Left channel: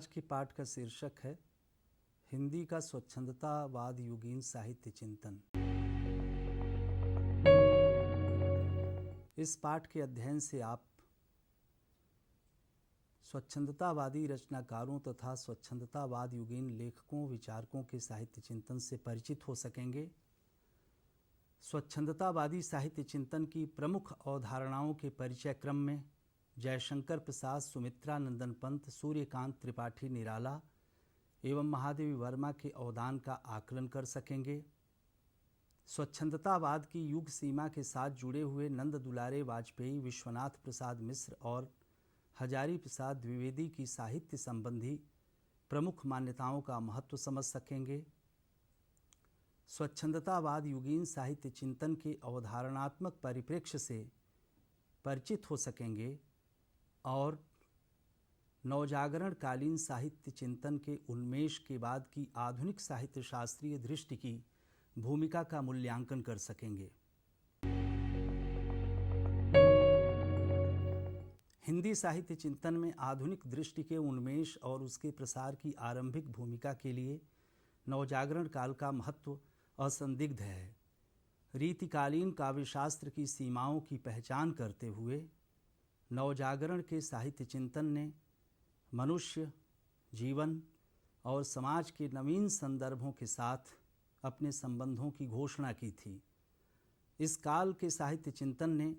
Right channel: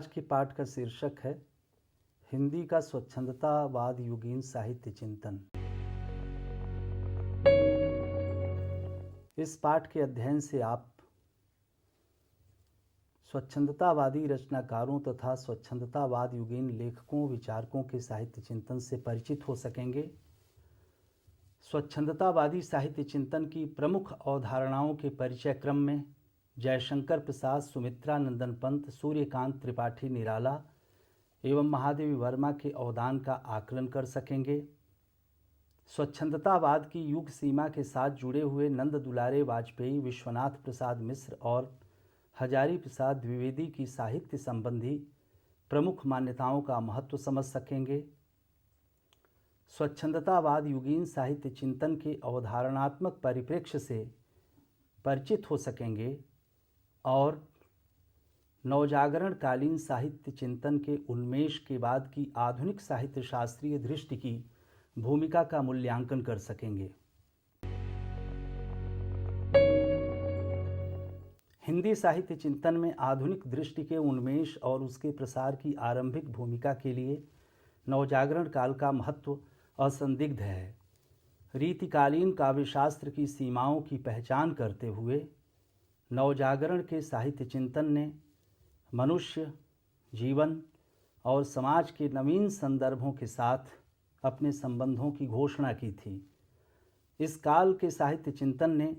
आज के पाठ का शीर्षक है हिंदी का स्वच्छंदतावाद युगीन साहित्य चिंतन। इस पाठ के अध्ययन से आप स्वच्छंदतावादी रचनाकारों तथा स्वच्छंदतावाद युगीन लेखकों विचारकों के साहित्य चिंतन से परिचित हो सकेंगे। स्वच्छंदतावादी साहित्य चिंतन की प्रमुख अवधारणाओं के परिचय क्रम में जयशंकर प्रसाद, सुमित्रा नंदन पंत, सूर्यकांत त्रिपाठी निराला एवं महादेवी वर्मा के अवदान का आकलन कर सकेंगे। स्वच्छंदतावाद की युग सीमा के साथ जुड़े हुए नंद दुलारे वाजपेयी, विश्वनाथ प्रसाद मिश्र और हजारी प्रसाद द्विवेदी की साहित्य संबंधी प्रमुख मान्यताओं का महत्व समझ सकेंगे। स्वच्छंदतावाद युगीन साहित्य चिंतन के अवधारणात्मक परिप्रेक्ष्य से परिचित हो सकेंगे और नवजागरण कालीन साहित्य चिंतन के उन्मेष के बाद की आधुनिक साहित्य शास्त्रीय दृष्टि की भूमिका का मूल्यांकन कर सकेंगे। हिंदी साहित्य चिंतन में आधुनिक दृष्टि के उन्मेष और उसके प्रसार की आरंभिक भूमिका के लिए नवजागरण काल का महत्व असंदिग्ध है। रीतिकालीन काव्यशास्त्र की सीमाओं की पहचान करते हुए नवजागरण के साहित्य चिंतन ने मनुष्य, जीवन और समाज के नवीन संदर्भों के साथ अपने संबंधों की घोषणा की थी। इस काल के साहित्य चिंतन ने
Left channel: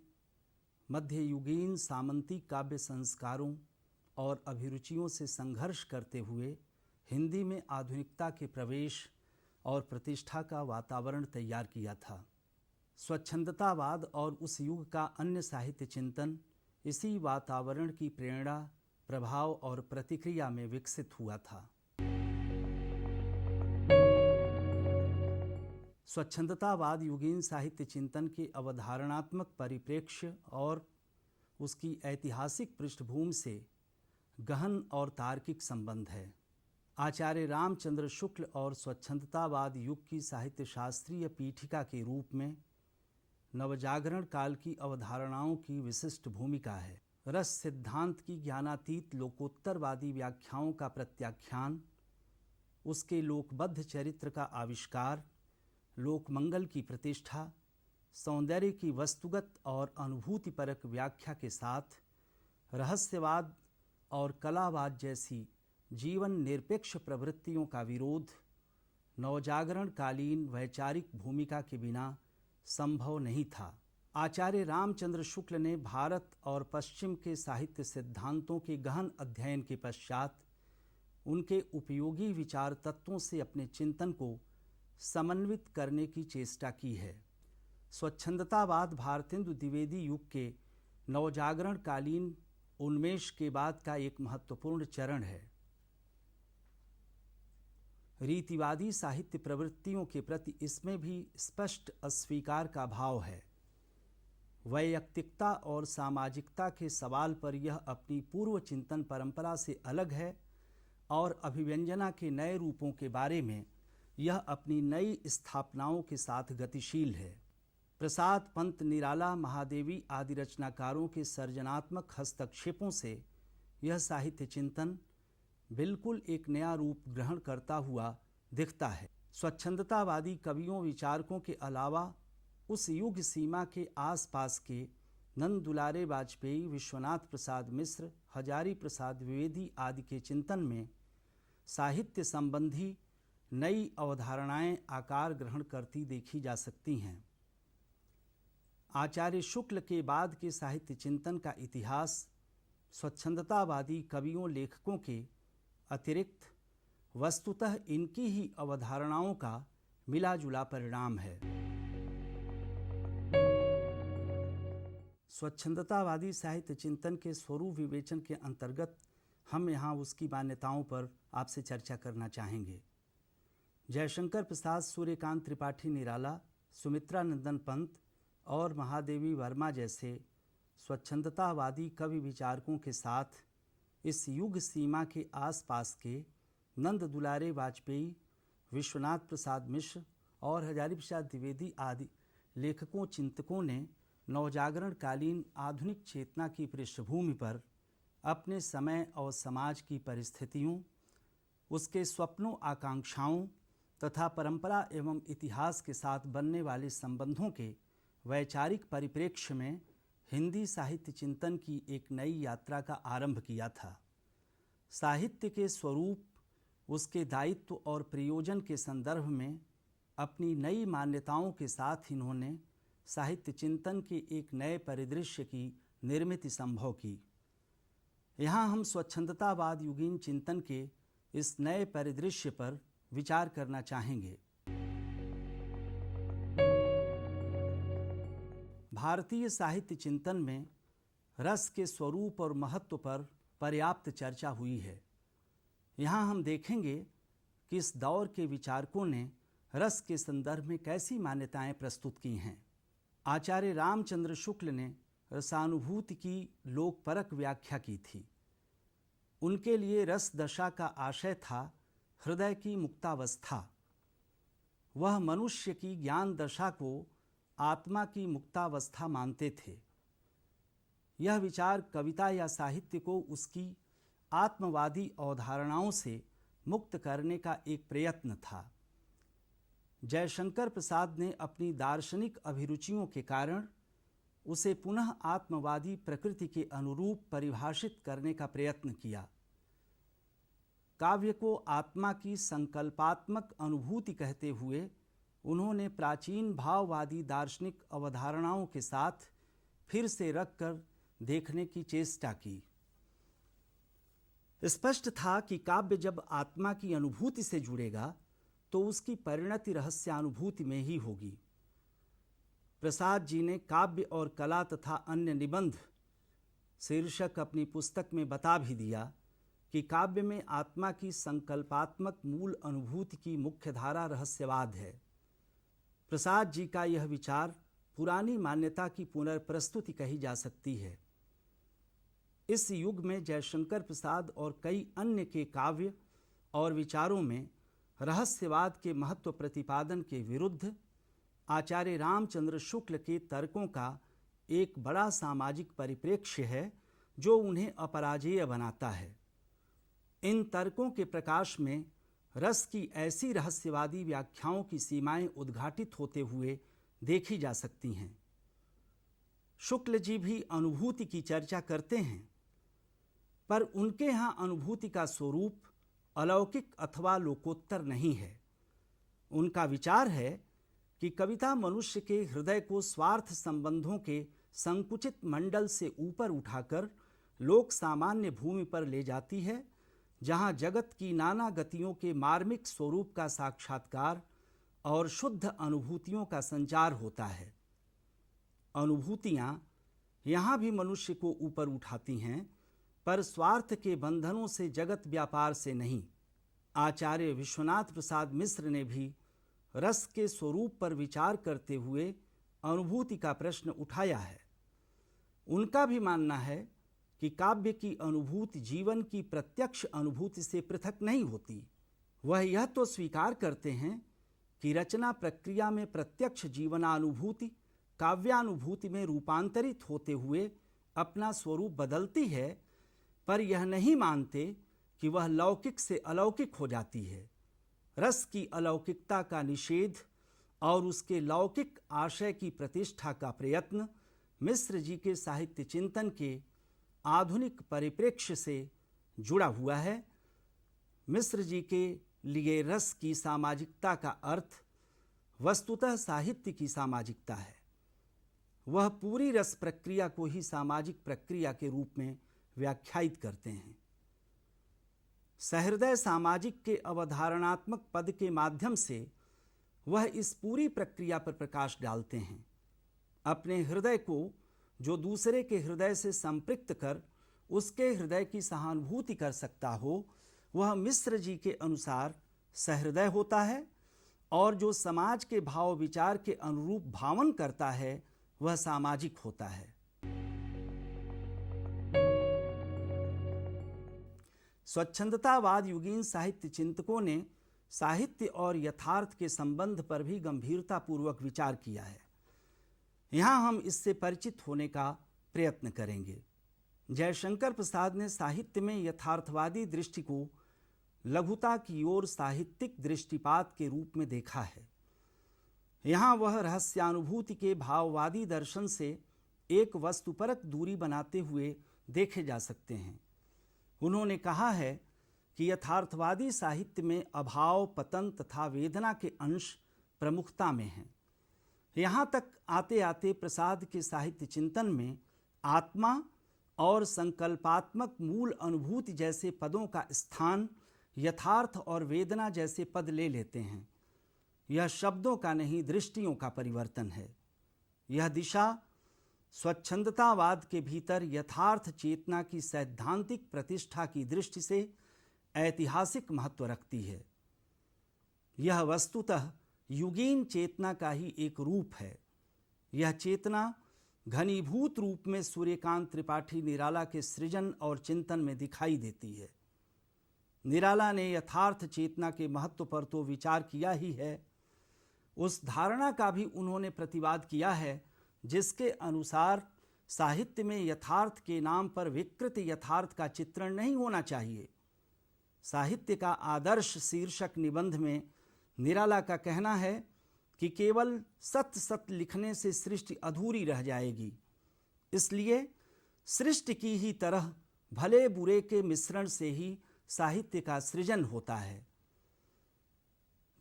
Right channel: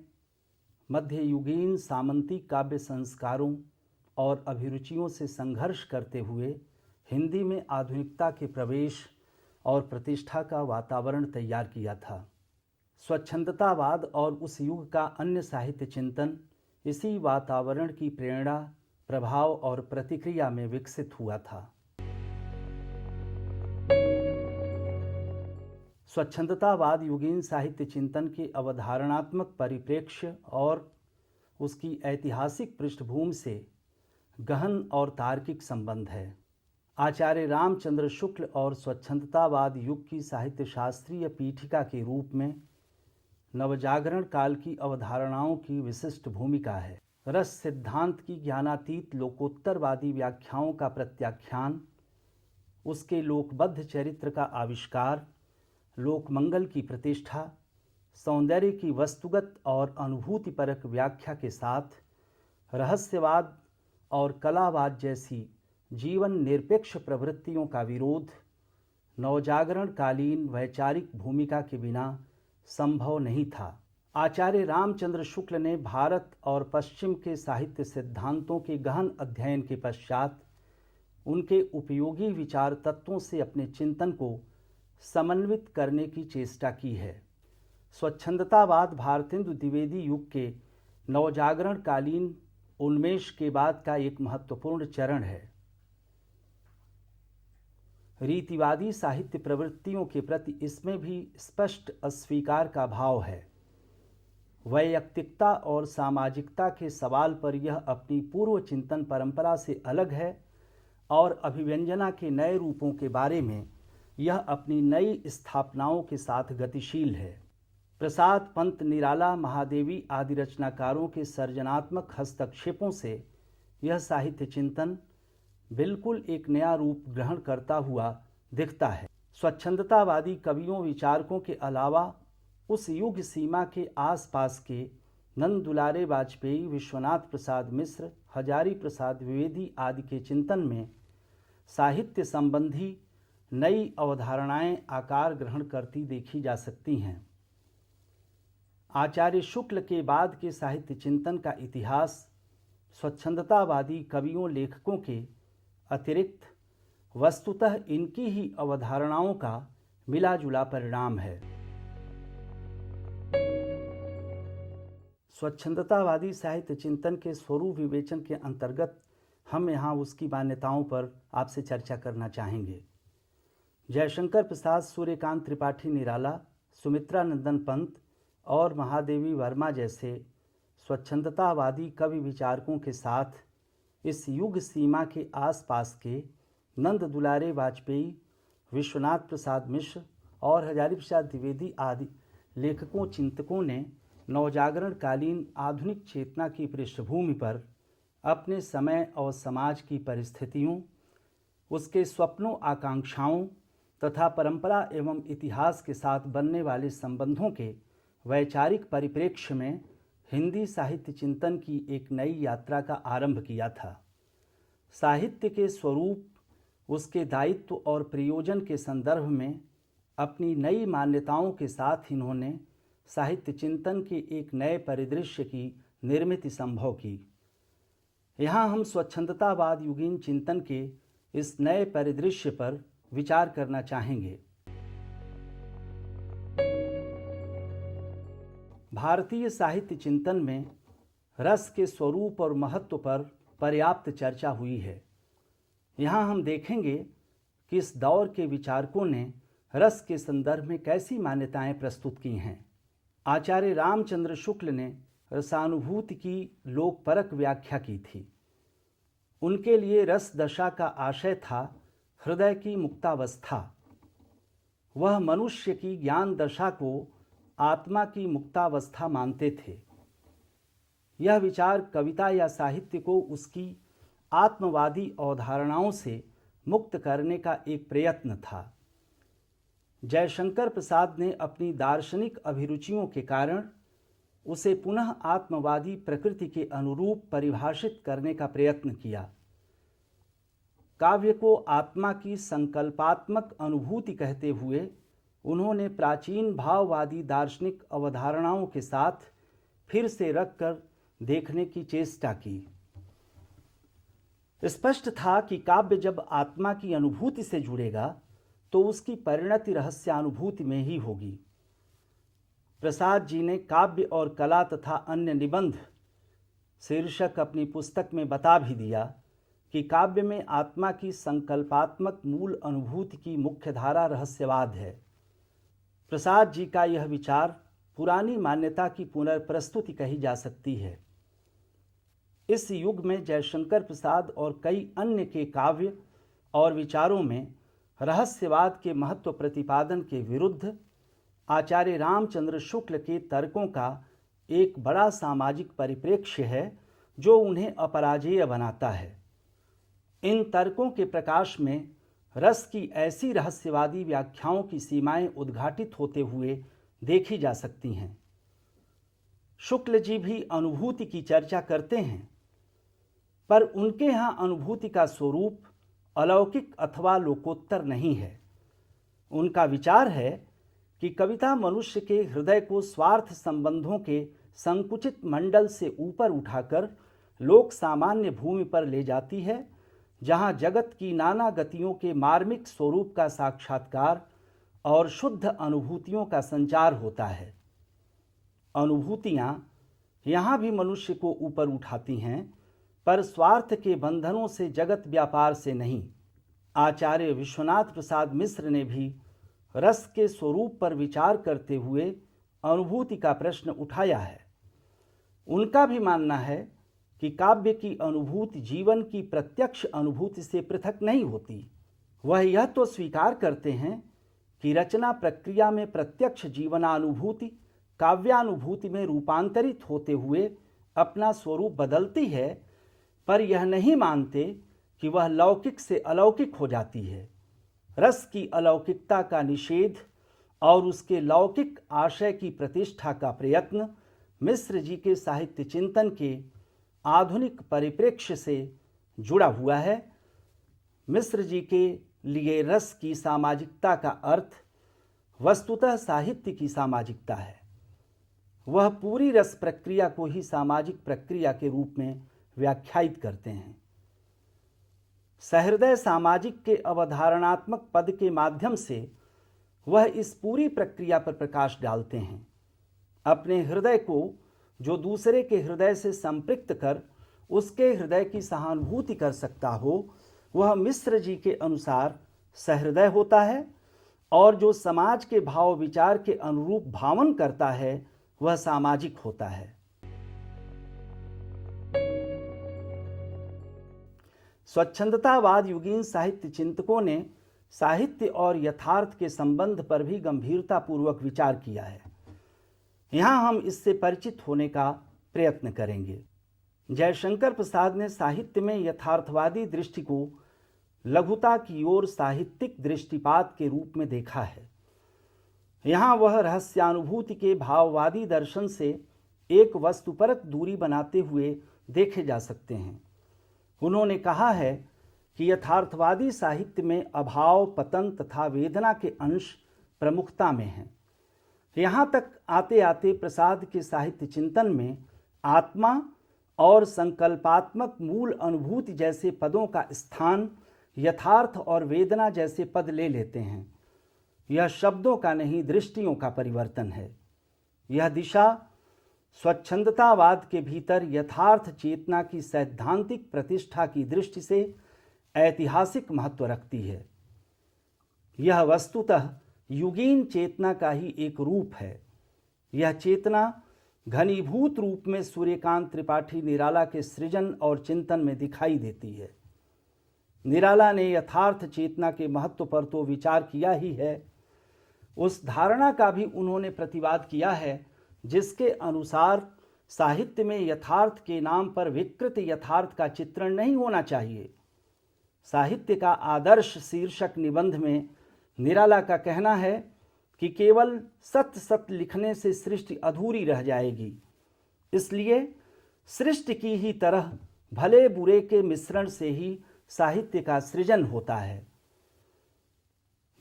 मध्ययुगीन सामंती काव्य संस्कारों और अभिरुचियों से संघर्ष करते हुए हिंदी में आधुनिकता के प्रवेश और प्रतिष्ठा का वातावरण तैयार किया था। स्वच्छंदतावाद और उस युग का अन्य साहित्य चिंतन इसी वातावरण की प्रेरणा, प्रभाव और प्रतिक्रिया में विकसित हुआ था। स्वच्छंदतावाद युगीन साहित्य चिंतन के अवधारणात्मक परिप्रेक्ष्य और उसकी ऐतिहासिक पृष्ठभूमि से गहन और तार्किक संबंध है। आचार्य रामचंद्र शुक्ल और स्वच्छंदतावाद युग की साहित्य शास्त्रीय पीठिका के रूप में नवजागरण काल की अवधारणाओं की विशिष्ट भूमिका है। रस सिद्धांत की ज्ञानातीत लोकोत्तरवादी व्याख्याओं का प्रत्याख्यान, उसके लोकबद्ध चरित्र का आविष्कार, लोकमंगल की प्रतिष्ठा, सौंदर्य की वस्तुगत और अनुभूतिपरक व्याख्या के साथ रहस्यवाद और कलावाद जैसी जीवन निरपेक्ष प्रवृत्तियों का विरोध नवजागरण कालीन वैचारिक भूमिका के बिना संभव नहीं था। आचार्य रामचंद्र शुक्ल ने भारत और पश्चिम के साहित्य सिद्धांतों के गहन अध्ययन के पश्चात उनके उपयोगी विचार तत्वों से अपने चिंतन को समन्वित करने की चेष्टा की है। स्वच्छंदतावाद भारतेंदु द्विवेदी युग के नवजागरण कालीन उन्मेष के बाद का एक महत्वपूर्ण चरण है। रीतिवादी साहित्य प्रवृत्तियों के प्रति इसमें भी स्पष्ट अस्वीकार का भाव है। वैयक्तिकता और सामाजिकता के सवाल पर यह अपनी पूर्व चिंतन परंपरा से अलग है और अभिव्यंजना के नए रूपों के बारे में यह अपनी नई स्थापनाओं के साथ गतिशील है। प्रसाद, पंत, निराला, महादेवी आदि रचनाकारों के सर्जनात्मक हस्तक्षेपों से यह साहित्य चिंतन बिल्कुल एक नया रूप ग्रहण करता हुआ दिखता है। स्वच्छंदतावादी कवियों विचारकों के अलावा उस युग सीमा के आसपास के नंद दुलारे वाजपेयी, विश्वनाथ प्रसाद मिश्र, हजारी प्रसाद द्विवेदी आदि के चिंतन में साहित्य संबंधी नई अवधारणाएं आकार ग्रहण करती देखी जा सकती हैं। आचार्य शुक्ल के बाद के साहित्य चिंतन का इतिहास स्वच्छंदतावादी कवियों लेखकों के अतिरिक्त वस्तुतः इनकी ही अवधारणाओं का मिला जुला परिणाम है। स्वच्छंदतावादी साहित्य चिंतन के स्वरूप विवेचन के अंतर्गत हम यहाँ उसकी मान्यताओं पर आपसे चर्चा करना चाहेंगे। जयशंकर प्रसाद, सूर्यकांत त्रिपाठी निराला, सुमित्रा नंदन पंत और महादेवी वर्मा जैसे स्वच्छंदतावादी कवि विचारकों के साथ इस युग सीमा के आसपास के नंद दुलारे वाजपेयी, विश्वनाथ प्रसाद मिश्र और हजारी प्रसाद द्विवेदी आदि लेखकों चिंतकों ने नवजागरण कालीन आधुनिक चेतना की पृष्ठभूमि पर अपने समय और समाज की परिस्थितियों, उसके स्वप्नों आकांक्षाओं तथा परंपरा एवं इतिहास के साथ बनने वाले संबंधों के वैचारिक परिप्रेक्ष्य में हिंदी साहित्य चिंतन की एक नई यात्रा का आरंभ किया था। साहित्य के स्वरूप, उसके दायित्व और प्रयोजन के संदर्भ में अपनी नई मान्यताओं के साथ इन्होंने साहित्य चिंतन के एक नए परिदृश्य की निर्मिति संभव की। यहाँ हम स्वच्छंदतावाद युगीन चिंतन के इस नए परिदृश्य पर विचार करना चाहेंगे। भारतीय साहित्य चिंतन में रस के स्वरूप और महत्व पर पर्याप्त चर्चा हुई है। यहाँ हम देखेंगे कि इस दौर के विचारकों ने रस के संदर्भ में कैसी मान्यताएं प्रस्तुत की हैं। आचार्य रामचंद्र शुक्ल ने रसानुभूति की लोकपरक व्याख्या की थी। उनके लिए रस दशा का आशय था हृदय की मुक्तावस्था। वह मनुष्य की ज्ञान दशा को आत्मा की मुक्तावस्था मानते थे। यह विचार कविता या साहित्य को उसकी आत्मवादी अवधारणाओं से मुक्त करने का एक प्रयत्न था। जयशंकर प्रसाद ने अपनी दार्शनिक अभिरुचियों के कारण उसे पुनः आत्मवादी प्रकृति के अनुरूप परिभाषित करने का प्रयत्न किया। काव्य को आत्मा की संकल्पात्मक अनुभूति कहते हुए उन्होंने प्राचीन भाववादी दार्शनिक अवधारणाओं के साथ फिर से रखकर देखने की चेष्टा की। स्पष्ट था कि काव्य जब आत्मा की अनुभूति से जुड़ेगा तो उसकी परिणति रहस्यानुभूति में ही होगी। प्रसाद जी ने काव्य और कला तथा अन्य निबंध शीर्षक अपनी पुस्तक में बता भी दिया कि काव्य में आत्मा की संकल्पात्मक मूल अनुभूति की मुख्य धारा रहस्यवाद है। प्रसाद जी का यह विचार पुरानी मान्यता की पुनर्प्रस्तुति कही जा सकती है। इस युग में जयशंकर प्रसाद और कई अन्य के काव्य और विचारों में रहस्यवाद के महत्व प्रतिपादन के विरुद्ध आचार्य रामचंद्र शुक्ल के तर्कों का एक बड़ा सामाजिक परिप्रेक्ष्य है जो उन्हें अपराजेय बनाता है। इन तर्कों के प्रकाश में रस की ऐसी रहस्यवादी व्याख्याओं की सीमाएं उद्घाटित होते हुए देखी जा सकती हैं। शुक्ल जी भी अनुभूति की चर्चा करते हैं, पर उनके यहाँ अनुभूति का स्वरूप अलौकिक अथवा लोकोत्तर नहीं है। उनका विचार है कि कविता मनुष्य के हृदय को स्वार्थ संबंधों के संकुचित मंडल से ऊपर उठाकर लोक सामान्य भूमि पर ले जाती है, जहाँ जगत की नाना गतियों के मार्मिक स्वरूप का साक्षात्कार और शुद्ध अनुभूतियों का संचार होता है। अनुभूतियाँ यहाँ भी मनुष्य को ऊपर उठाती हैं, पर स्वार्थ के बंधनों से, जगत व्यापार से नहीं। आचार्य विश्वनाथ प्रसाद मिश्र ने भी रस के स्वरूप पर विचार करते हुए अनुभूति का प्रश्न उठाया है। उनका भी मानना है कि काव्य की अनुभूति जीवन की प्रत्यक्ष अनुभूति से पृथक नहीं होती। वह यह तो स्वीकार करते हैं कि रचना प्रक्रिया में प्रत्यक्ष जीवनानुभूति काव्यानुभूति में रूपांतरित होते हुए अपना स्वरूप बदलती है, पर यह नहीं मानते कि वह लौकिक से अलौकिक हो जाती है। रस की अलौकिकता का निषेध और उसके लौकिक आशय की प्रतिष्ठा का प्रयत्न मिश्र जी के साहित्य चिंतन के आधुनिक परिप्रेक्ष्य से जुड़ा हुआ है। मिश्र जी के लिए रस की सामाजिकता का अर्थ वस्तुतः साहित्य की सामाजिकता है। वह पूरी रस प्रक्रिया को ही सामाजिक प्रक्रिया के रूप में व्याख्यायित करते हैं। सहृदय सामाजिक के अवधारणात्मक पद के माध्यम से वह इस पूरी प्रक्रिया पर प्रकाश डालते हैं। अपने हृदय को जो दूसरे के हृदय से संपृक्त कर उसके हृदय की सहानुभूति कर सकता हो, वह मिश्र जी के अनुसार सहृदय होता है, और जो समाज के भाव विचार के अनुरूप भावन करता है वह सामाजिक होता है। स्वच्छंदतावाद युगीन साहित्य चिंतकों ने साहित्य और यथार्थ के संबंध पर भी गंभीरतापूर्वक विचार किया है। यहाँ हम इससे परिचित होने का प्रयत्न करेंगे। जयशंकर प्रसाद ने साहित्य में यथार्थवादी दृष्टि को लघुता की ओर साहित्यिक दृष्टिपात के रूप में देखा है। यहाँ वह रहस्यानुभूति के भाववादी दर्शन से एक वस्तुपरक दूरी बनाते हुए देखे जा सकते हैं। उन्होंने कहा है कि यथार्थवादी साहित्य में अभाव, पतन तथा वेदना के अंश प्रमुखता में हैं। यहाँ तक आते आते प्रसाद के साहित्य चिंतन में आत्मा और संकल्पात्मक मूल अनुभूति जैसे पदों का स्थान यथार्थ और वेदना जैसे पद ले लेते हैं। यह शब्दों का नहीं, दृष्टियों का परिवर्तन है। यह दिशा स्वच्छंदतावाद के भीतर यथार्थ चेतना की सैद्धांतिक प्रतिष्ठा की दृष्टि से ऐतिहासिक महत्व रखती है। यह वस्तुतः युगीन चेतना का ही एक रूप है। यह चेतना घनीभूत रूप में सूर्यकांत त्रिपाठी निराला के सृजन और चिंतन में दिखाई देती है। निराला ने यथार्थ चेतना के महत्व पर तो विचार किया ही है, उस धारणा का भी उन्होंने प्रतिवाद किया है जिसके अनुसार साहित्य में यथार्थ के नाम पर विकृत यथार्थ का चित्रण नहीं होना चाहिए। साहित्य का आदर्श शीर्षक निबंध में निराला का कहना है कि केवल सत्य सत्य लिखने से सृष्टि अधूरी रह जाएगी, इसलिए सृष्टि की ही तरह भले बुरे के मिश्रण से ही साहित्य का सृजन होता है।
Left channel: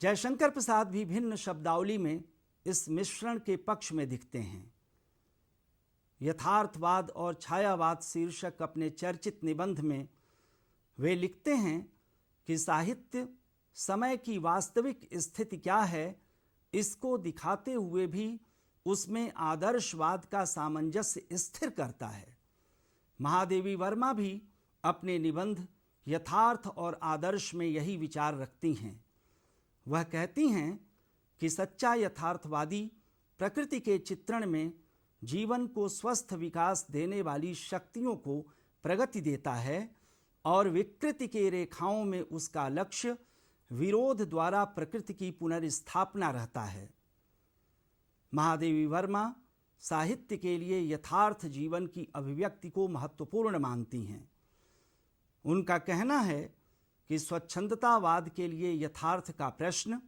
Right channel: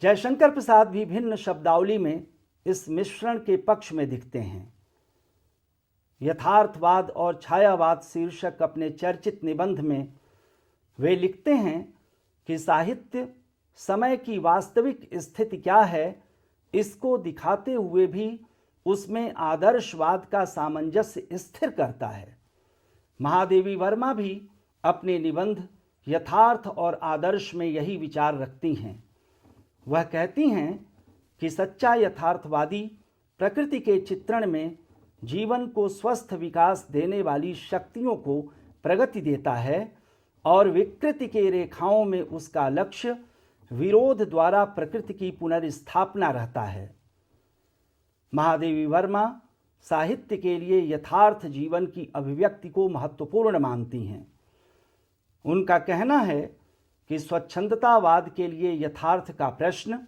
जयशंकर प्रसाद भी भिन्न शब्दावली में इस मिश्रण के पक्ष में दिखते हैं। यथार्थवाद और छायावाद शीर्षक अपने चर्चित निबंध में वे लिखते हैं कि साहित्य समय की वास्तविक स्थिति क्या है, इसको दिखाते हुए भी उसमें आदर्शवाद का सामंजस्य स्थिर करता है। महादेवी वर्मा भी अपने निबंध यथार्थ और आदर्श में यही विचार रखती हैं। वह कहती हैं कि सच्चा यथार्थवादी प्रकृति के चित्रण में जीवन को स्वस्थ विकास देने वाली शक्तियों को प्रगति देता है और विकृति के रेखाओं में उसका लक्ष्य विरोध द्वारा प्रकृति की पुनर्स्थापना रहता है। महादेवी वर्मा साहित्य के लिए यथार्थ जीवन की अभिव्यक्ति को महत्वपूर्ण मानती हैं। उनका कहना है कि स्वच्छंदतावाद के लिए यथार्थ का प्रश्न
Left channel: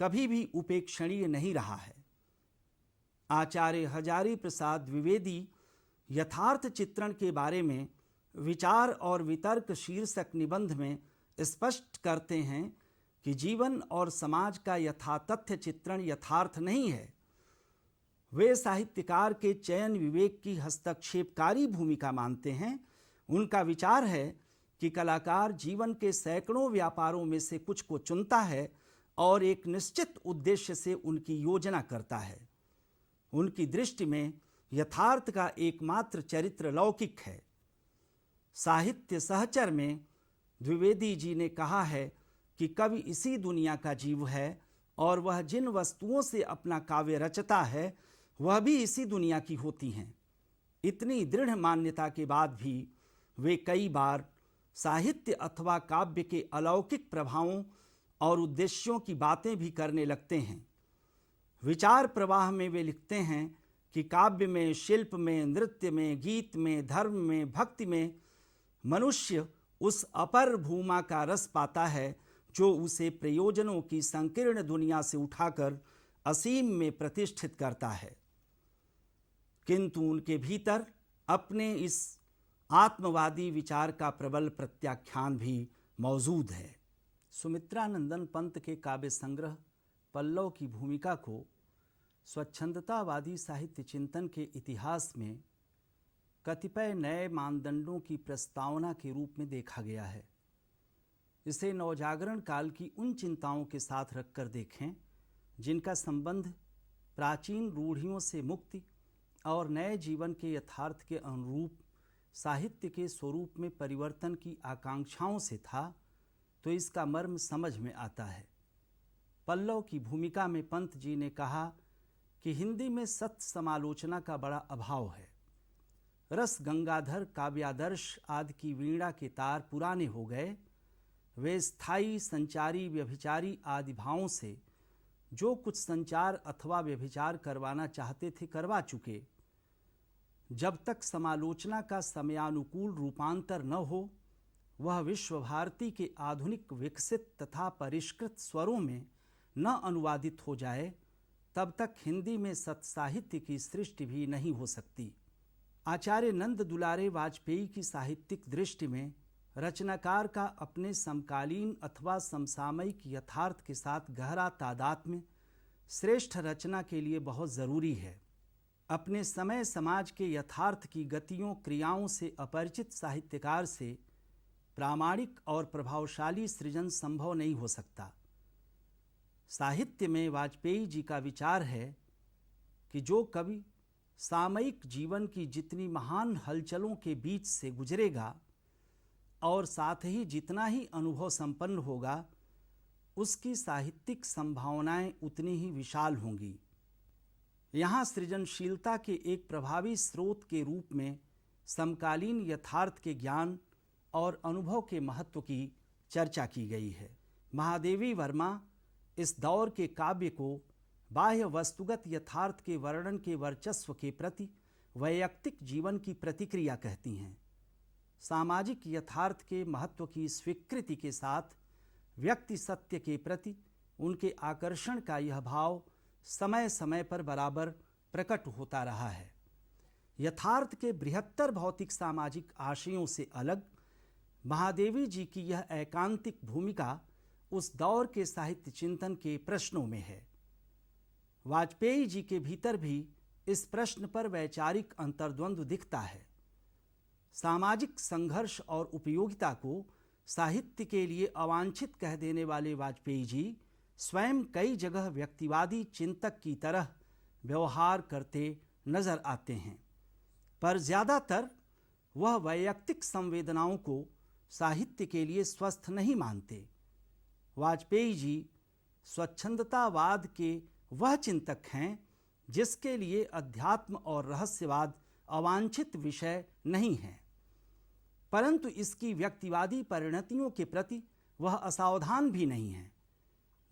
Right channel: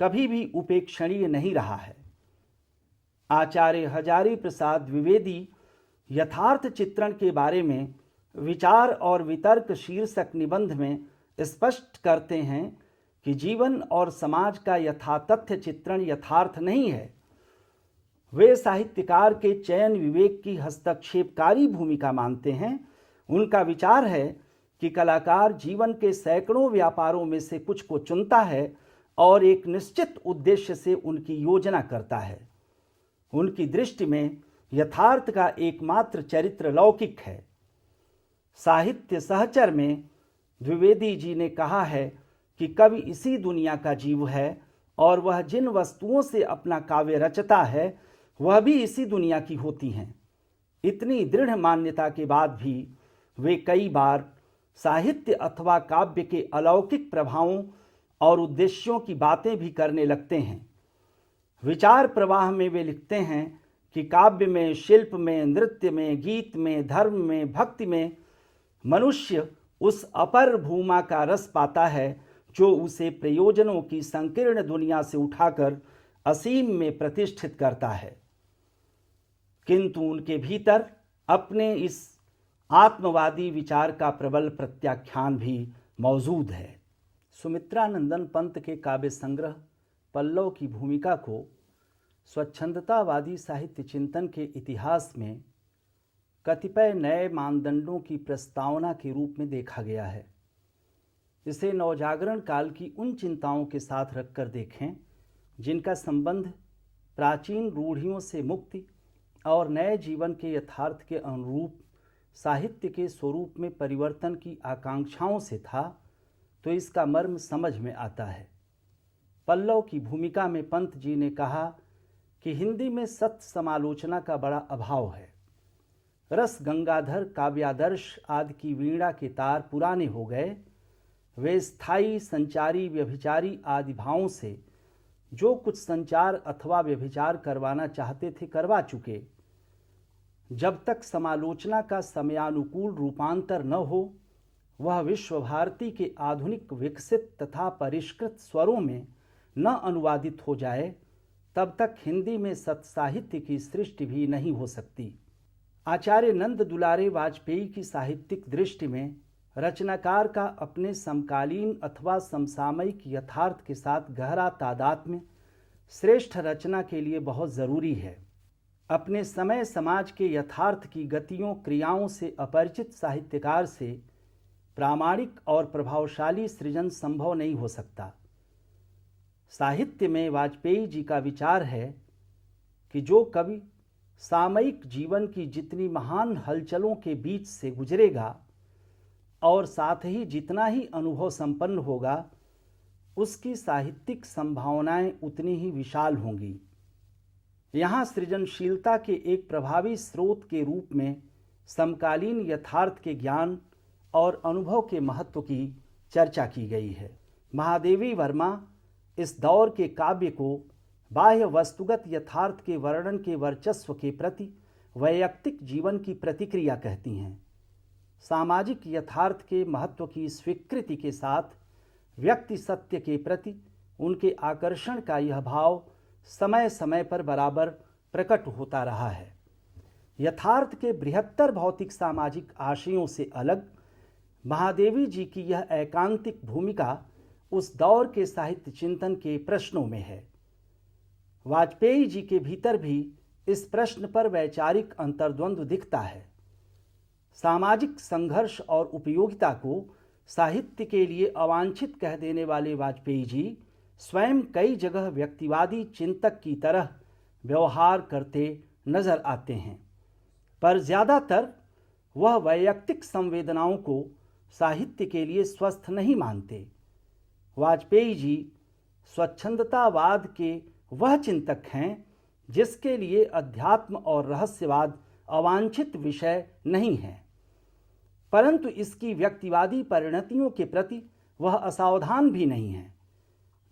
कभी भी उपेक्षणीय नहीं रहा है। आचार्य हजारी प्रसाद द्विवेदी यथार्थ चित्रण के बारे में विचार और वितर्क शीर्षक निबंध में स्पष्ट करते हैं कि जीवन और समाज का यथातथ्य चित्रण यथार्थ नहीं है। वे साहित्यकार के चयन विवेक की हस्तक्षेपकारी भूमिका मानते हैं। उनका विचार है कि कलाकार जीवन के सैकड़ों व्यापारों में से कुछ को चुनता है और एक निश्चित उद्देश्य से उनकी योजना करता है। उनकी दृष्टि में यथार्थ का एकमात्र चरित्र लौकिक है। साहित्य सहचर में द्विवेदी जी ने कहा है कि कवि इसी दुनिया का जीव है और वह जिन वस्तुओं से अपना काव्य रचता है वह भी इसी दुनिया की होती हैं। इतनी दृढ़ मान्यता के बाद भी वे कई बार साहित्य अथवा काव्य के अलौकिक प्रभावों और उद्देश्यों की बातें भी करने लगते हैं। विचार प्रवाह में वे लिखते हैं कि काव्य में, शिल्प में, नृत्य में, गीत में, धर्म में, भक्ति में मनुष्य उस अपर भूमा का रस पाता है जो उसे प्रयोजनों की संकीर्ण दुनिया से उठाकर असीम में प्रतिष्ठित करता है। किंतु उनके भीतर अपने इस आत्मवादी विचार का प्रबल प्रत्याख्यान भी मौजूद है। सुमित्रानंदन पंत के काव्य संग्रह पल्लव की भूमिका को स्वच्छंदतावादी साहित्य चिंतन के इतिहास में कतिपय नए मानदंडों की प्रस्तावना के रूप में देखा गया है। इसे नवजागरण काल की उन चिंताओं के साथ रखकर देखें जिनका संबंध प्राचीन रूढ़ियों से मुक्ति और नए जीवन के यथार्थ के अनुरूप साहित्य के स्वरूप में परिवर्तन की आकांक्षाओं से था, तो इसका मर्म समझ में आता है। पल्लव की भूमिका में पंत जी ने कहा कि हिंदी में सत्य समालोचना का बड़ा अभाव है। रस गंगाधर, काव्यादर्श आदि की वीणा के तार पुराने हो गए। वे स्थायी, संचारी, व्यभिचारी आदि भावों से जो कुछ संचार अथवा व्यभिचार करवाना चाहते थे करवा चुके। जब तक समालोचना का समयानुकूल रूपांतर न हो, वह विश्व भारती के आधुनिक विकसित तथा परिष्कृत स्वरों में न अनुवादित हो जाए, तब तक हिंदी में सत्साहित्य की सृष्टि भी नहीं हो सकती। आचार्य नंद दुलारे वाजपेयी की साहित्यिक दृष्टि में रचनाकार का अपने समकालीन अथवा समसामयिक यथार्थ के साथ गहरा तादात्म्य श्रेष्ठ रचना के लिए बहुत ज़रूरी है। अपने समय समाज के यथार्थ की गतियों क्रियाओं से अपरिचित साहित्यकार से प्रामाणिक और प्रभावशाली सृजन संभव नहीं हो सकता। साहित्य में वाजपेयी जी का विचार है कि जो कवि सामयिक जीवन की जितनी महान हलचलों के बीच से गुजरेगा और साथ ही जितना ही अनुभव संपन्न होगा, उसकी साहित्यिक संभावनाएं उतनी ही विशाल होंगी। यहाँ सृजनशीलता के एक प्रभावी स्रोत के रूप में समकालीन यथार्थ के ज्ञान और अनुभव के महत्व की चर्चा की गई है। महादेवी वर्मा इस दौर के काव्य को बाह्य वस्तुगत यथार्थ के वर्णन के वर्चस्व के प्रति वैयक्तिक जीवन की प्रतिक्रिया कहती हैं। सामाजिक यथार्थ के महत्व की स्वीकृति के साथ व्यक्ति सत्य के प्रति उनके आकर्षण का यह भाव समय समय पर बराबर प्रकट होता रहा है। यथार्थ के बृहत्तर भौतिक सामाजिक आशयों से अलग महादेवी जी की यह एकांतिक भूमिका उस दौर के साहित्य चिंतन के प्रश्नों में है। वाजपेयी जी के भीतर भी इस प्रश्न पर वैचारिक अंतर्द्वंद्व दिखता है। सामाजिक संघर्ष और उपयोगिता को साहित्य के लिए अवांछित कह देने वाले वाजपेयी जी स्वयं कई जगह व्यक्तिवादी चिंतक की तरह व्यवहार करते नजर आते हैं, पर ज़्यादातर वह वैयक्तिक संवेदनाओं को साहित्य के लिए स्वस्थ नहीं मानते। वाजपेयी जी स्वच्छंदतावाद के वह चिंतक हैं जिसके लिए अध्यात्म और रहस्यवाद अवांछित विषय नहीं है, परंतु इसकी व्यक्तिवादी परिणतियों के प्रति वह असावधान भी नहीं है।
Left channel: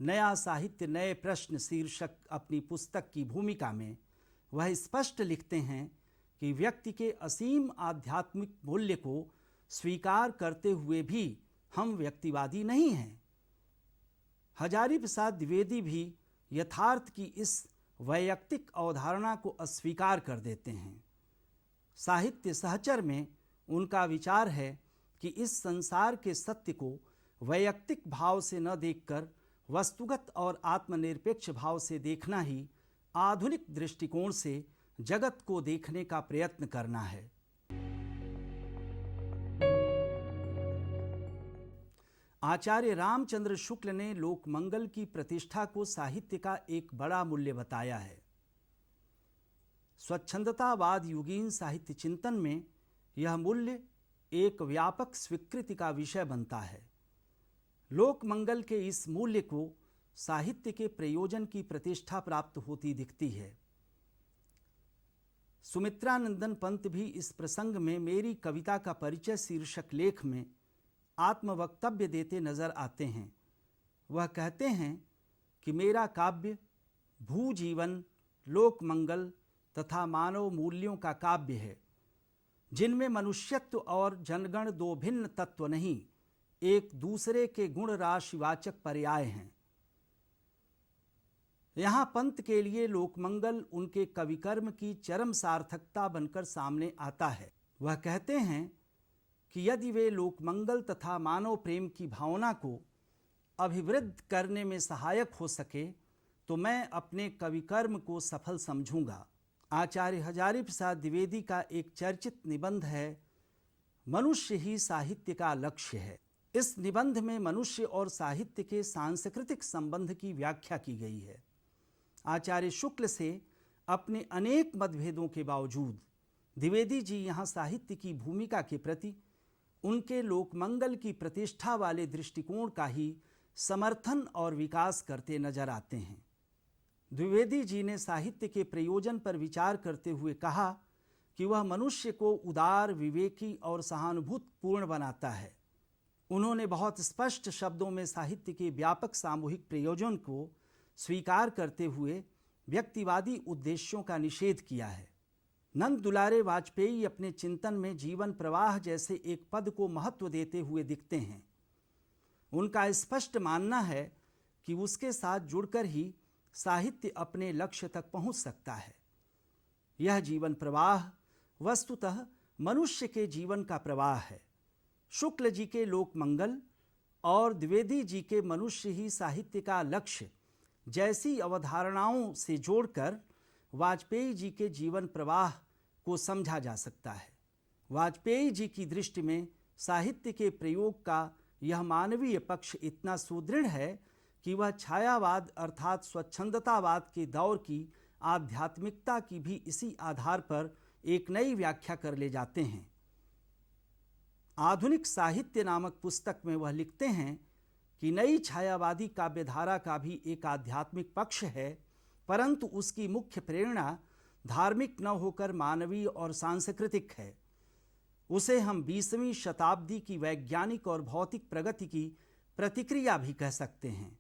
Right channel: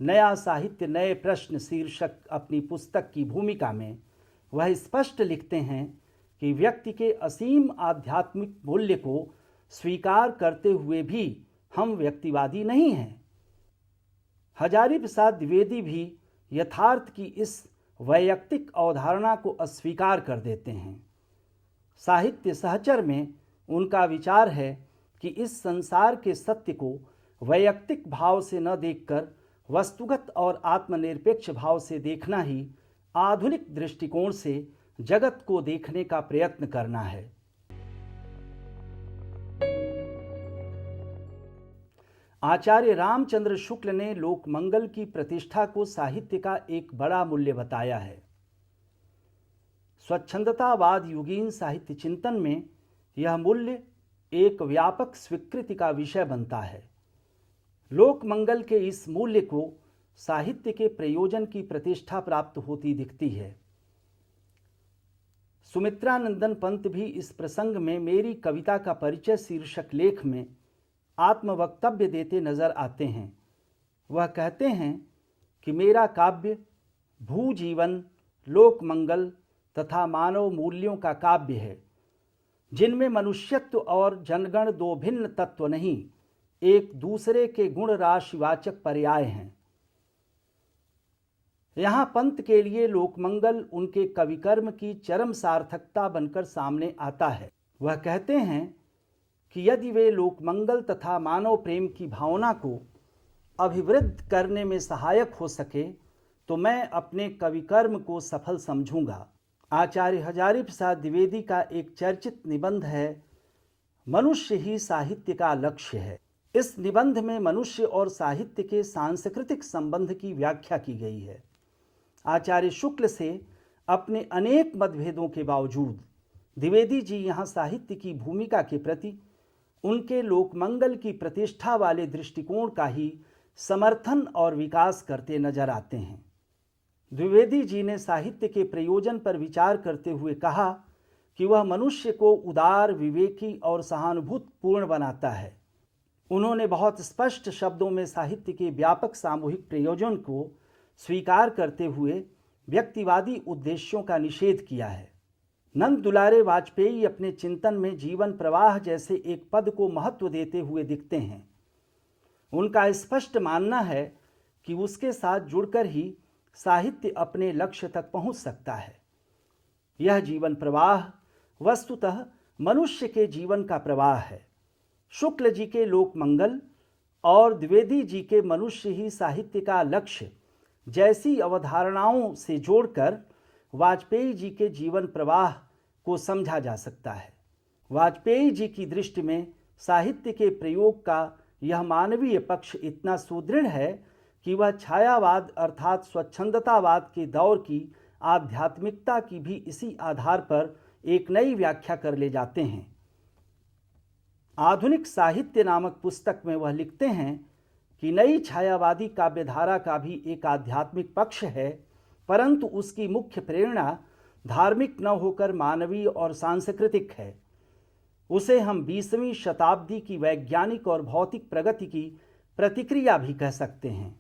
नया साहित्य नए प्रश्न शीर्षक अपनी पुस्तक की भूमिका में वह स्पष्ट लिखते हैं कि व्यक्ति के असीम आध्यात्मिक मूल्य को स्वीकार करते हुए भी हम व्यक्तिवादी नहीं हैं। हजारी प्रसाद द्विवेदी भी यथार्थ की इस वैयक्तिक अवधारणा को अस्वीकार कर देते हैं। साहित्य सहचर में उनका विचार है कि इस संसार के सत्य को वैयक्तिक भाव से न देखकर वस्तुगत और आत्मनिरपेक्ष भाव से देखना ही आधुनिक दृष्टिकोण से जगत को देखने का प्रयत्न करना है। आचार्य रामचंद्र शुक्ल ने लोकमंगल की प्रतिष्ठा को साहित्य का एक बड़ा मूल्य बताया है। स्वच्छंदतावाद युगीन साहित्य चिंतन में यह मूल्य एक व्यापक स्वीकृति का विषय बनता है। लोकमंगल के इस मूल्य को साहित्य के प्रयोजन की प्रतिष्ठा प्राप्त होती दिखती है। सुमित्रानंदन पंत भी इस प्रसंग में मेरी कविता का परिचय शीर्षक लेख में आत्मवक्तव्य देते नजर आते हैं। वह कहते हैं कि मेरा काव्य भूजीवन, लोकमंगल तथा मानव मूल्यों का काव्य है, जिनमें मनुष्यत्व और जनगण दो भिन्न तत्व नहीं, एक दूसरे के गुण राशिवाचक पर्याय हैं। यहाँ पंत के लिए लोकमंगल उनके कविकर्म की चरम सार्थकता बनकर सामने आता है। वह कहते हैं कि यदि वे लोकमंगल तथा मानव प्रेम की भावना को अभिवृद्ध करने में सहायक हो सके तो मैं अपने कविकर्म को सफल समझूंगा। आचार्य हजारी प्रसाद द्विवेदी का एक चर्चित निबंध है, मनुष्य ही साहित्य का लक्ष्य है। इस निबंध में मनुष्य और साहित्य के सांस्कृतिक संबंध की व्याख्या की गई है। आचार्य शुक्ल से अपने अनेक मतभेदों के बावजूद द्विवेदी जी यहाँ साहित्य की भूमिका के प्रति उनके लोकमंगल की प्रतिष्ठा वाले दृष्टिकोण का ही समर्थन और विकास करते नजर आते हैं। द्विवेदी जी ने साहित्य के प्रयोजन पर विचार करते हुए कहा कि वह मनुष्य को उदार, विवेकी और सहानुभूतिपूर्ण बनाता है। उन्होंने बहुत स्पष्ट शब्दों में साहित्य के व्यापक सामूहिक प्रयोजन को स्वीकार करते हुए व्यक्तिवादी उद्देश्यों का निषेध किया है। नंद दुलारे वाजपेयी अपने चिंतन में जीवन प्रवाह जैसे एक पद को महत्व देते हुए दिखते हैं। उनका स्पष्ट मानना है कि उसके साथ जुड़कर ही साहित्य अपने लक्ष्य तक पहुंच सकता है। यह जीवन प्रवाह वस्तुतः मनुष्य के जीवन का प्रवाह है। शुक्ल जी के लोक मंगल और द्विवेदी जी के मनुष्य ही साहित्य का लक्ष्य जैसी अवधारणाओं से जोड़कर वाजपेयी जी के जीवन प्रवाह को समझा जा सकता है। वाजपेयी जी की दृष्टि में साहित्य के प्रयोग का यह मानवीय पक्ष इतना सुदृढ़ है कि वह छायावाद अर्थात स्वच्छंदतावाद के दौर की आध्यात्मिकता की भी इसी आधार पर एक नई व्याख्या कर ले जाते हैं। आधुनिक साहित्य नामक पुस्तक में वह लिखते हैं कि नई छायावादी काव्यधारा का भी एक आध्यात्मिक पक्ष है, परंतु उसकी मुख्य प्रेरणा धार्मिक न होकर मानवीय और सांस्कृतिक है। उसे हम 20वीं शताब्दी की वैज्ञानिक और भौतिक प्रगति की प्रतिक्रिया भी कह सकते हैं।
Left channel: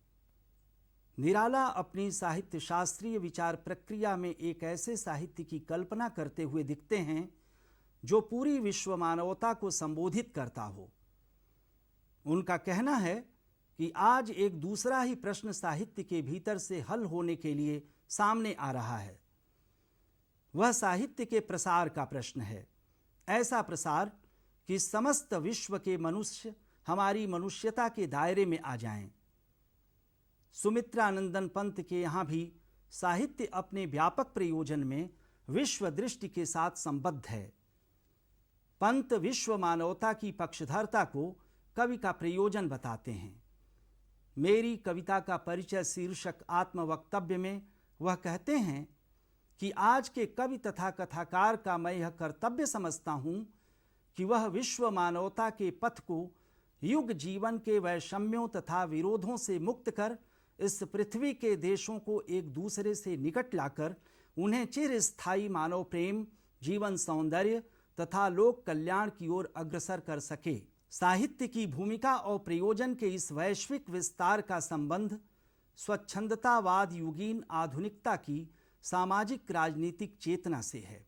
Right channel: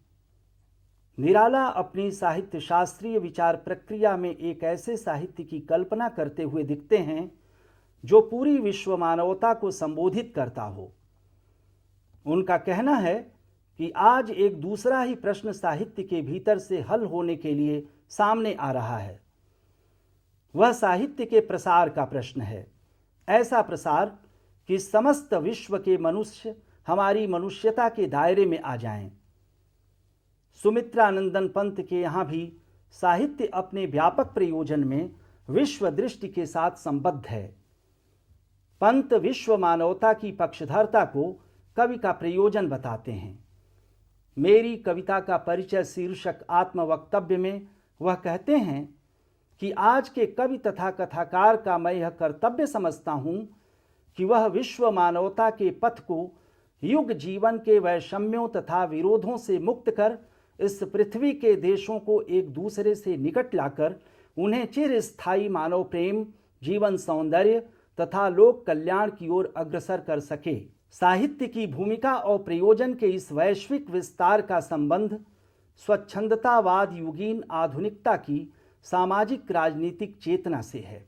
निराला अपनी साहित्य शास्त्रीय विचार प्रक्रिया में एक ऐसे साहित्य की कल्पना करते हुए दिखते हैं जो पूरी विश्व मानवता को संबोधित करता हो। उनका कहना है कि आज एक दूसरा ही प्रश्न साहित्य के भीतर से हल होने के लिए सामने आ रहा है। वह साहित्य के प्रसार का प्रश्न है। ऐसा प्रसार कि समस्त विश्व के मनुष्य हमारी मनुष्यता के दायरे में आ जाएं। सुमित्रानंदन पंत के यहाँ भी साहित्य अपने व्यापक प्रयोजन में विश्व दृष्टि के साथ संबद्ध है। पंत विश्व मानवता की पक्षधरता को कवि का प्रयोजन बताते हैं। मेरी कविता का परिचय शीर्षक आत्मवक्तव्य में वह कहते हैं कि आज के कवि तथा कथाकार का मैं यह कर्तव्य समझता हूँ कि वह विश्व मानवता के पथ को युग जीवन के वैषम्यों तथा विरोधों से मुक्त कर इस पृथ्वी के देशों को एक दूसरे से निकट लाकर उन्हें चिरस्थायी मानव प्रेम, जीवन सौंदर्य तथा लोक कल्याण की ओर अग्रसर कर सके। साहित्य की भूमिका और प्रयोजन के इस वैश्विक विस्तार का संबंध स्वच्छंदतावाद युगीन आधुनिकता की सामाजिक राजनीतिक चेतना से है।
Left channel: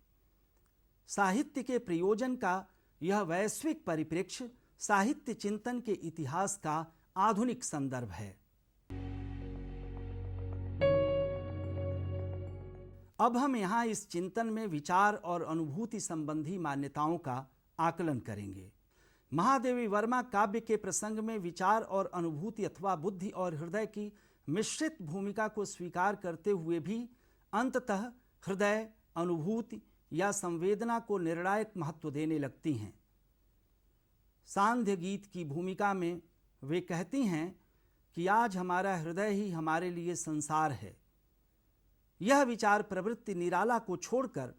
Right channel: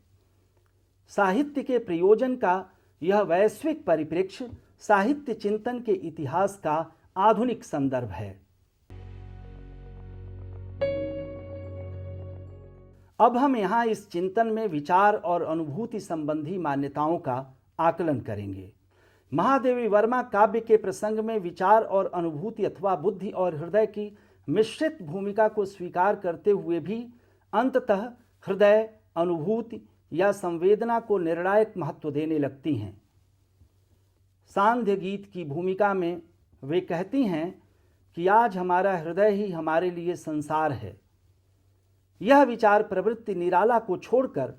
साहित्य के प्रयोजन का यह वैश्विक परिप्रेक्ष्य साहित्य चिंतन के इतिहास का आधुनिक संदर्भ है। अब हम यहाँ इस चिंतन में विचार और अनुभूति संबंधी मान्यताओं का आकलन करेंगे। महादेवी वर्मा काव्य के प्रसंग में विचार और अनुभूति अथवा बुद्धि और हृदय की मिश्रित भूमिका को स्वीकार करते हुए भी अंततः हृदय, अनुभूति या संवेदना को निर्णायक महत्व देने लगती हैं। सांध्य गीत की भूमिका में वे कहती हैं कि आज हमारा हृदय ही हमारे लिए संसार है। यह विचार प्रवृत्ति निराला को छोड़कर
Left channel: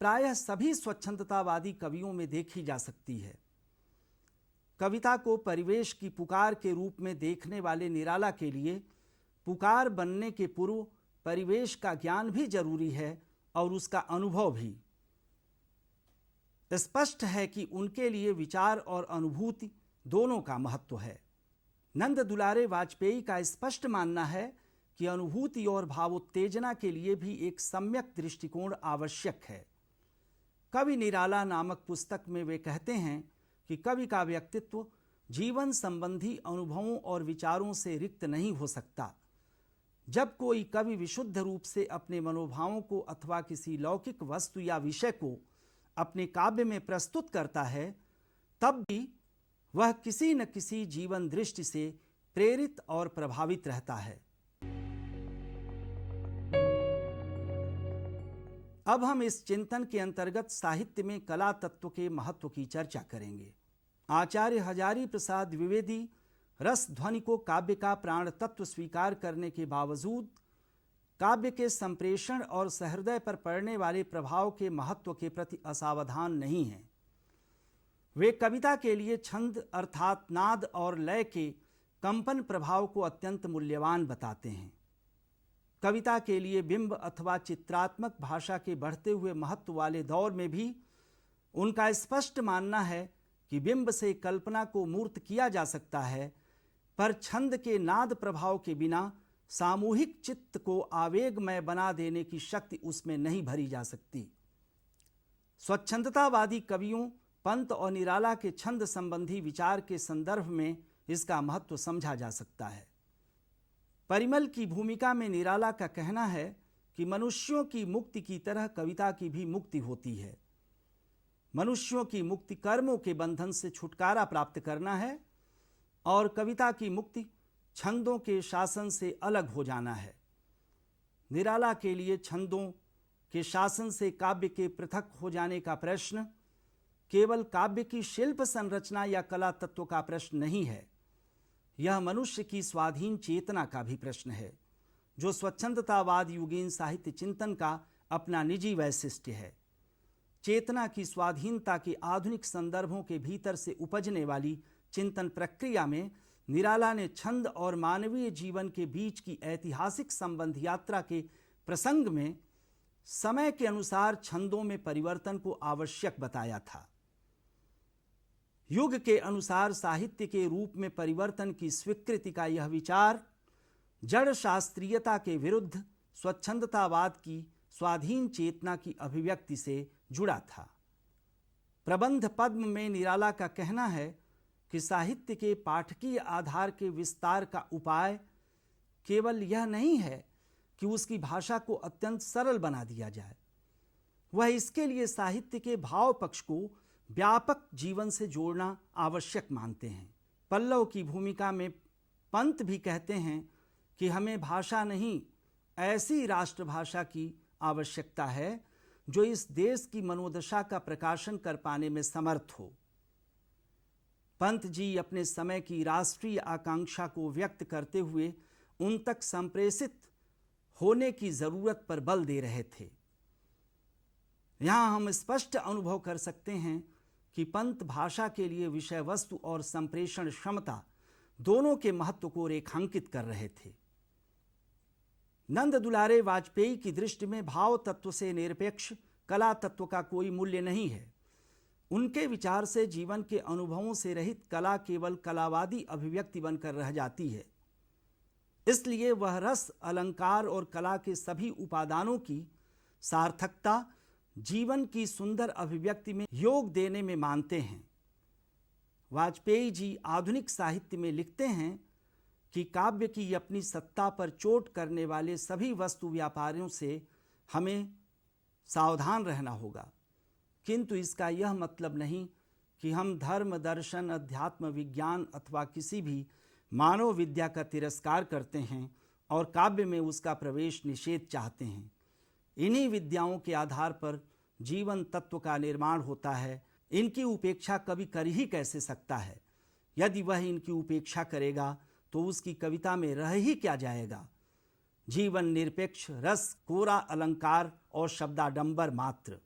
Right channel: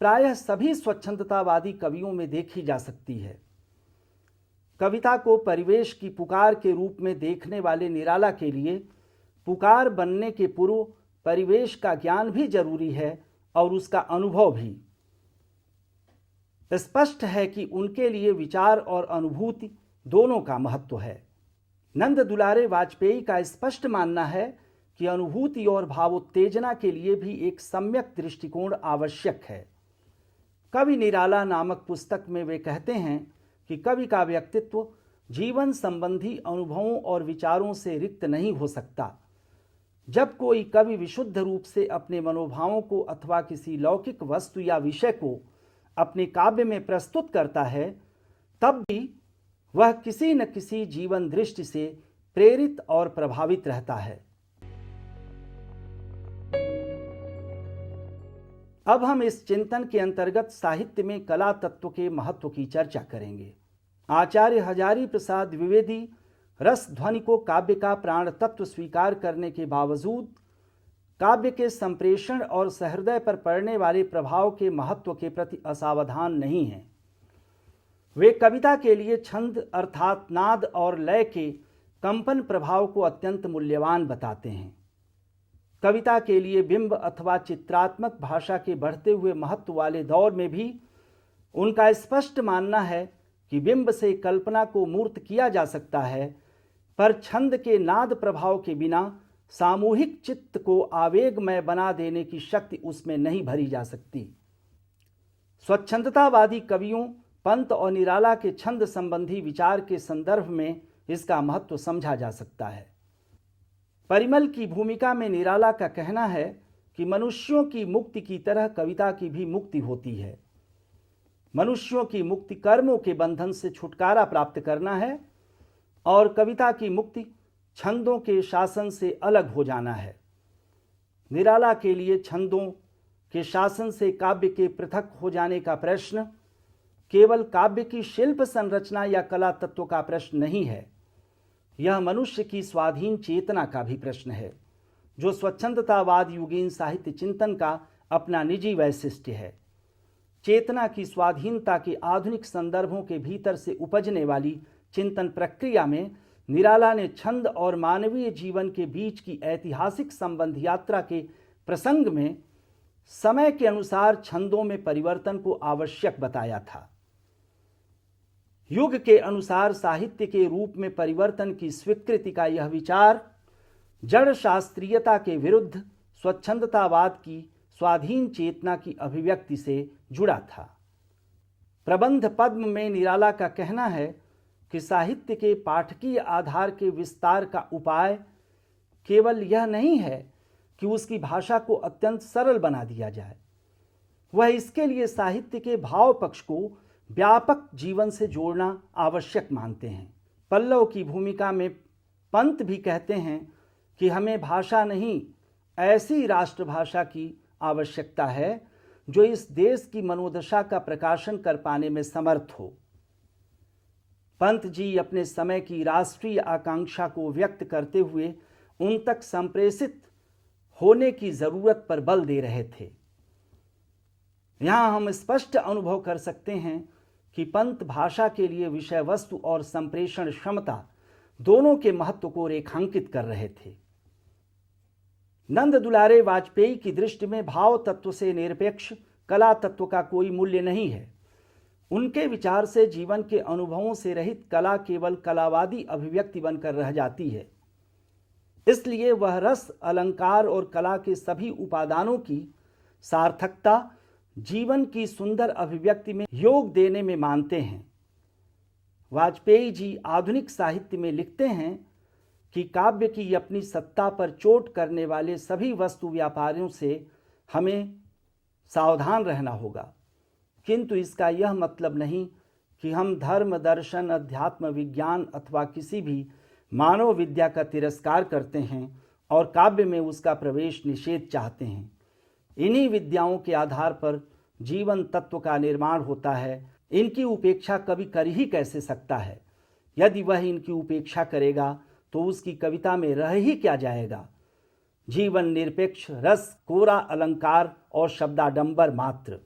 प्रायः सभी स्वच्छंदतावादी कवियों में देखी जा सकती है। कविता को परिवेश की पुकार के रूप में देखने वाले निराला के लिए पुकार बनने के पूर्व परिवेश का ज्ञान भी जरूरी है और उसका अनुभव भी। स्पष्ट है कि उनके लिए विचार और अनुभूति दोनों का महत्व है। नंद दुलारे वाजपेयी का स्पष्ट मानना है कि अनुभूति और भावोत्तेजना के लिए भी एक सम्यक दृष्टिकोण आवश्यक है। कवि निराला नामक पुस्तक में वे कहते हैं कि कवि का व्यक्तित्व जीवन संबंधी अनुभवों और विचारों से रिक्त नहीं हो सकता। जब कोई कवि विशुद्ध रूप से अपने मनोभावों को अथवा किसी लौकिक वस्तु या विषय को अपने काव्य में प्रस्तुत करता है, तब भी वह किसी न किसी जीवन दृष्टि से प्रेरित और प्रभावित रहता है। अब हम इस चिंतन के अंतर्गत साहित्य में कला तत्व के महत्व की चर्चा करेंगे। आचार्य हजारी प्रसाद द्विवेदी रस ध्वनि को काव्य का प्राण तत्व स्वीकार करने के बावजूद काव्य के संप्रेषण और सहृदय पर पड़ने वाले प्रभाव के महत्व के प्रति असावधान नहीं हैं। वे कविता के लिए छंद अर्थात नाद और लय के कंपन प्रभाव को अत्यंत मूल्यवान बताते हैं। कविता के लिए बिंब अथवा चित्रात्मक भाषा के बढ़ते हुए महत्व वाले दौर में भी उनका स्पष्ट मानना है कि बिंब से कल्पना को मूर्त किया जा सकता है, पर छंद के नाद प्रभाव के बिना सामूहिक चित्त को आवेगमय बना देने की शक्ति उसमें नहीं भरी जा सकती। स्वच्छंदतावादी कवियों पंत और निराला के छंद संबंधी विचार के संदर्भ में इसका महत्व समझा जा सकता है। परिमल की भूमिका में निराला का कहना है कि मनुष्यों की मुक्ति की तरह कविता की भी मुक्ति होती है। मनुष्यों की मुक्ति कर्मों के बंधन से छुटकारा प्राप्त करना है और कविता की मुक्ति छंदों के शासन से अलग हो जाना है। निराला के लिए छंदों के शासन से काव्य के पृथक हो जाने का प्रश्न केवल काव्य की शिल्प संरचना या कला तत्व का प्रश्न नहीं है, यह मनुष्य की स्वाधीन चेतना का भी प्रश्न है, जो स्वच्छंदतावाद युगीन साहित्य चिंतन का अपना निजी वैशिष्ट्य है। चेतना की स्वाधीनता के आधुनिक संदर्भों के भीतर से उपजने वाली चिंतन प्रक्रिया में निराला ने छंद और मानवीय जीवन के बीच की ऐतिहासिक संबंध यात्रा के प्रसंग में समय के अनुसार छंदों में परिवर्तन को आवश्यक बताया था। युग के अनुसार साहित्य के रूप में परिवर्तन की स्वीकृति का यह विचार जड़ शास्त्रीयता के विरुद्ध स्वच्छंदतावाद की स्वाधीन चेतना की अभिव्यक्ति से जुड़ा था। प्रबंध पद्म में निराला का कहना है कि साहित्य के पाठकीय आधार के विस्तार का उपाय केवल यह नहीं है कि उसकी भाषा को अत्यंत सरल बना दिया जाए, वह इसके लिए साहित्य के भाव पक्ष को व्यापक जीवन से जोड़ना आवश्यक मानते हैं। पल्लव की भूमिका में पंत भी कहते हैं कि हमें भाषा नहीं, ऐसी राष्ट्रभाषा की आवश्यकता है जो इस देश की मनोदशा का प्रकाशन कर पाने में समर्थ हो। पंत जी अपने समय की राष्ट्रीय आकांक्षा को व्यक्त करते हुए उन तक संप्रेषित होने की जरूरत पर बल दे रहे थे। यहां हम स्पष्ट अनुभव कर सकते हैं कि पंत भाषा के लिए विषय वस्तु और संप्रेषण क्षमता दोनों के महत्व को रेखांकित कर रहे थे। नंद दुलारे वाजपेयी की दृष्टि में भाव तत्व से निरपेक्ष कला तत्व का कोई मूल्य नहीं है। उनके विचार से जीवन के अनुभवों से रहित कला केवल कलावादी अभिव्यक्ति बनकर रह जाती है। इसलिए वह रस, अलंकार और कला के सभी उपादानों की सार्थकता जीवन की सुंदर अभिव्यक्ति में योग देने में मानते हैं। वाजपेयी जी आधुनिक साहित्य में लिखते हैं कि काव्य की अपनी सत्ता पर चोट करने वाले सभी वस्तु व्यापारियों से हमें सावधान रहना होगा, किंतु इसका यह मतलब नहीं कि हम धर्म, दर्शन, अध्यात्म, विज्ञान अथवा किसी भी मानव विद्या का तिरस्कार करते हैं और काव्य में उसका प्रवेश निषेध चाहते हैं। इन्हीं विद्याओं के आधार पर जीवन तत्व का निर्माण होता है। इनकी उपेक्षा कवि कर ही कैसे सकता है? यदि वह इनकी उपेक्षा करेगा तो उसकी कविता में रह ही क्या जाएगा? जीवन निरपेक्ष रस, कोरा अलंकार और शब्दाडंबर मात्र।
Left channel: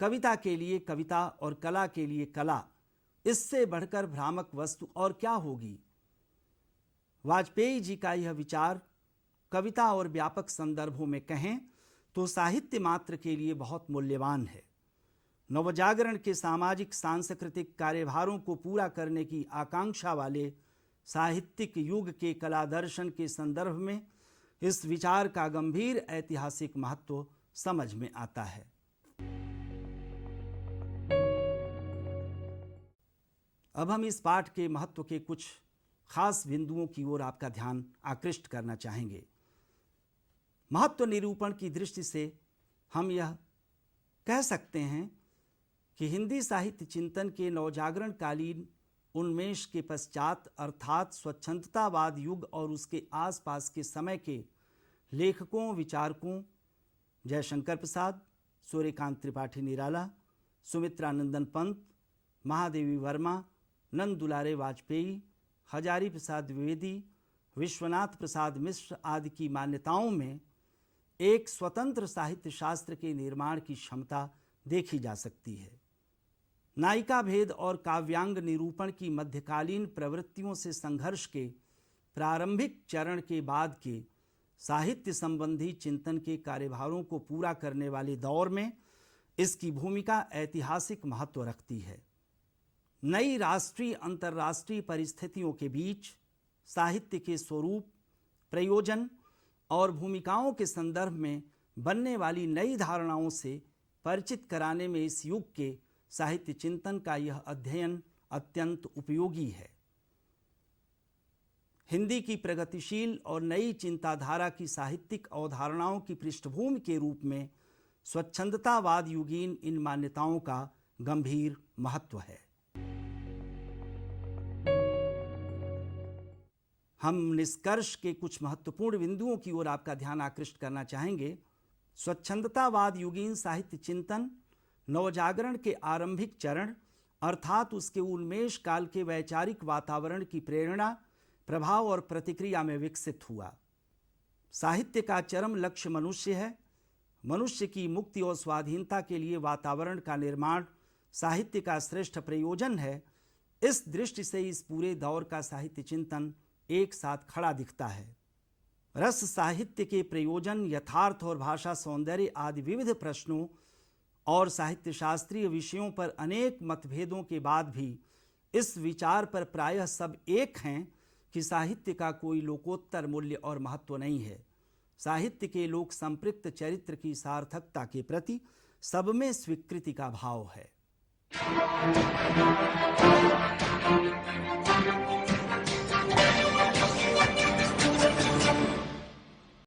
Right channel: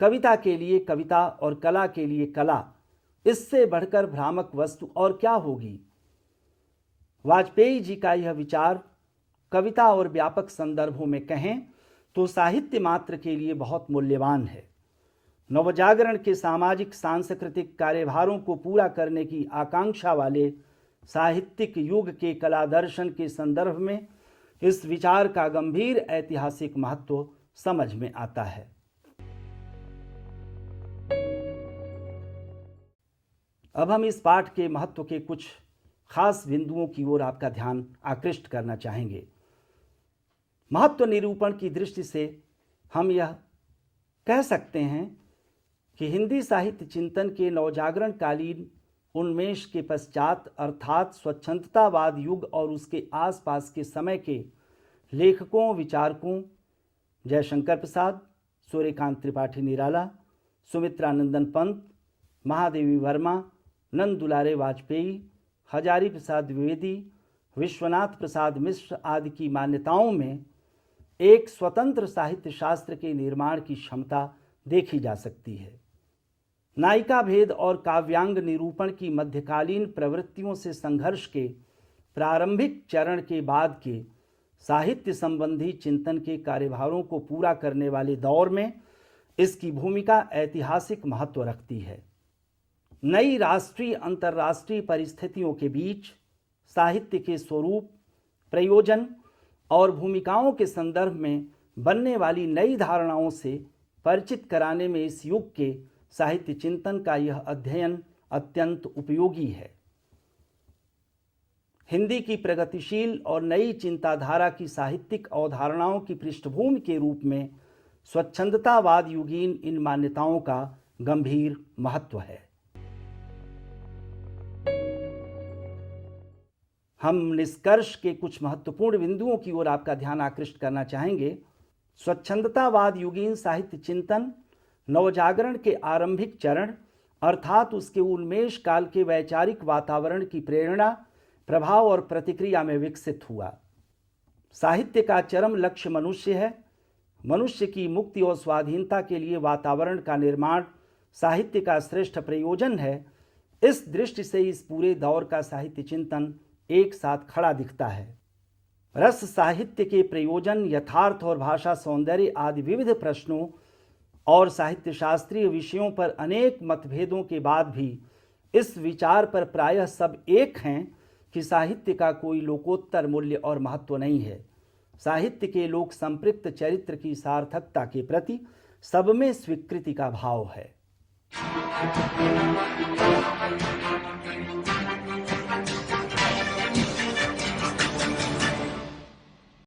कविता के लिए कविता और कला के लिए कला, इससे बढ़कर भ्रामक वस्तु और क्या होगी? वाजपेयी जी का यह विचार कविता और व्यापक संदर्भों में कहें तो साहित्य मात्र के लिए बहुत मूल्यवान है। नवजागरण के सामाजिक सांस्कृतिक कार्यभारों को पूरा करने की आकांक्षा वाले साहित्यिक युग के कला दर्शन के संदर्भ में इस विचार का गंभीर ऐतिहासिक महत्व समझ में आता है। अब हम इस पाठ के महत्व के कुछ खास बिंदुओं की ओर आपका ध्यान आकृष्ट करना चाहेंगे। महत्व निरूपण की दृष्टि से हम यह कह सकते हैं कि हिंदी साहित्य चिंतन के नवजागरण कालीन उन्मेष के पश्चात अर्थात स्वच्छंदतावाद युग और उसके आसपास के समय के लेखकों, विचारकों जयशंकर प्रसाद, सूर्यकांत त्रिपाठी निराला, सुमित्रा नंदन पंत, महादेवी वर्मा, नंद दुलारे वाजपेयी, हजारी प्रसाद द्विवेदी, विश्वनाथ प्रसाद मिश्र आदि की मान्यताओं में एक स्वतंत्र साहित्य शास्त्र के निर्माण की क्षमता देखी जा सकती है। नायिका भेद और काव्यांग निरूपण की मध्यकालीन प्रवृत्तियों से संघर्ष के प्रारंभिक चरण के बाद के साहित्य संबंधी चिंतन के कार्यभारों को पूरा करने वाले दौर में इसकी भूमिका ऐतिहासिक महत्व रखती है। नई राष्ट्रीय अंतर्राष्ट्रीय परिस्थितियों के बीच साहित्य के स्वरूप, प्रयोजन और भूमिकाओं के संदर्भ में बनने वाली नई धारणाओं से परिचित कराने में इस युग के साहित्य चिंतन का यह अध्ययन अत्यंत उपयोगी है। हिंदी की प्रगतिशील और नई चिंताधारा की साहित्यिक अवधारणाओं की पृष्ठभूमि के रूप में स्वच्छंदतावाद युगीन इन मान्यताओं का गंभीर महत्व है। हम निष्कर्ष के कुछ महत्वपूर्ण बिंदुओं की ओर आपका ध्यान आकृष्ट करना चाहेंगे। स्वच्छंदतावाद युगीन साहित्य चिंतन नवजागरण के आरंभिक चरण अर्थात उसके उन्मेष काल के वैचारिक वातावरण की प्रेरणा, प्रभाव और प्रतिक्रिया में विकसित हुआ। साहित्य का चरम लक्ष्य मनुष्य है। मनुष्य की मुक्ति और स्वाधीनता के लिए वातावरण का निर्माण साहित्य का श्रेष्ठ प्रयोजन है। इस दृष्टि से इस पूरे दौर का साहित्य चिंतन एक साथ खड़ा दिखता है। रस साहित्य के प्रयोजन, यथार्थ और भाषा सौंदर्य आदि विविध प्रश्नों और साहित्य शास्त्रीय विषयों पर अनेक मतभेदों के बाद भी इस विचार पर प्रायः सब एक हैं कि साहित्य का कोई लोकोत्तर मूल्य और महत्व नहीं है। साहित्य के लोक संपृक्त चरित्र की सार्थकता के प्रति सब में स्वीकृति का भाव है।